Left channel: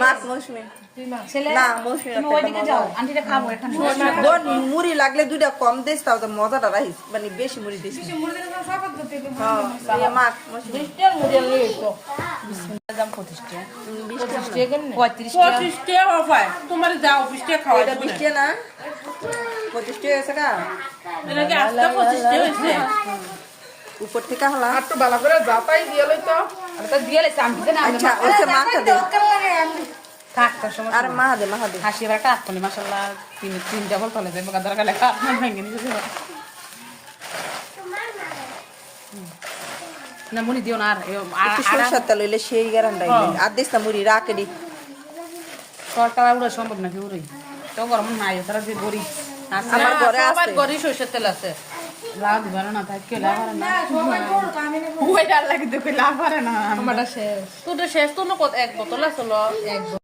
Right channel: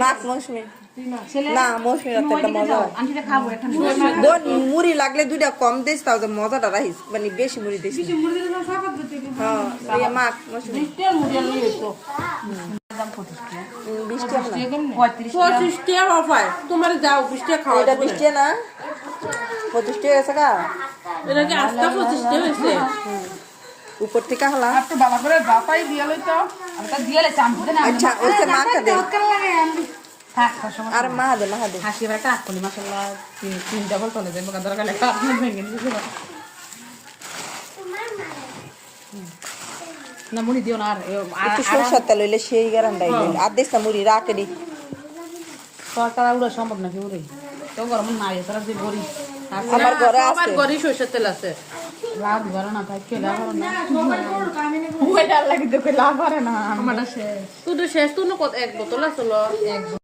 মাছ মৌসুমি না মৌসুমি বোন মুড়ি লাগলে দুইটা কম দিস তাও তো মজাটা রাখিস মানে বেশি মুড়ি দিস হ্যাঁ মাছ মৌসুমি 20 টাকা তোমার যাও 20 টাকা খাও এটা 20 টাকা না 25 টাকা আছে কা এর আগে আস্তে 25 টাকা হইছে উপর থেকে হলা একটু ভালো করে বাতাই দিয়ে লই তো এটা দিয়ে লে চাম দিতে না আচ্ছা ওইসে মাখা দে থাক সময় আর মাখা দে হাসি রাখা কোন মাশাআল্লাহ তিন ডাবল চলে যায় মগা দরকার লেখা ভেঙে দিছে না মুড়ি দিও না আর একটু সরষের তেল হইলে সেই গ্যারান্টি আর দিস না মুড়ি রাখে দি সরকার উড়া সম্ভব নাকি উড়ই তো গরম নাই তারা যে বড়ি আমার ঘরে আছে গরি সরষের তেল আছে লাভ ধরে না থাকে লাভ না ওইটা লাগি দেখে লাভ করে না আমারটা শেষ তো শেষ তো না এক বোতল আছে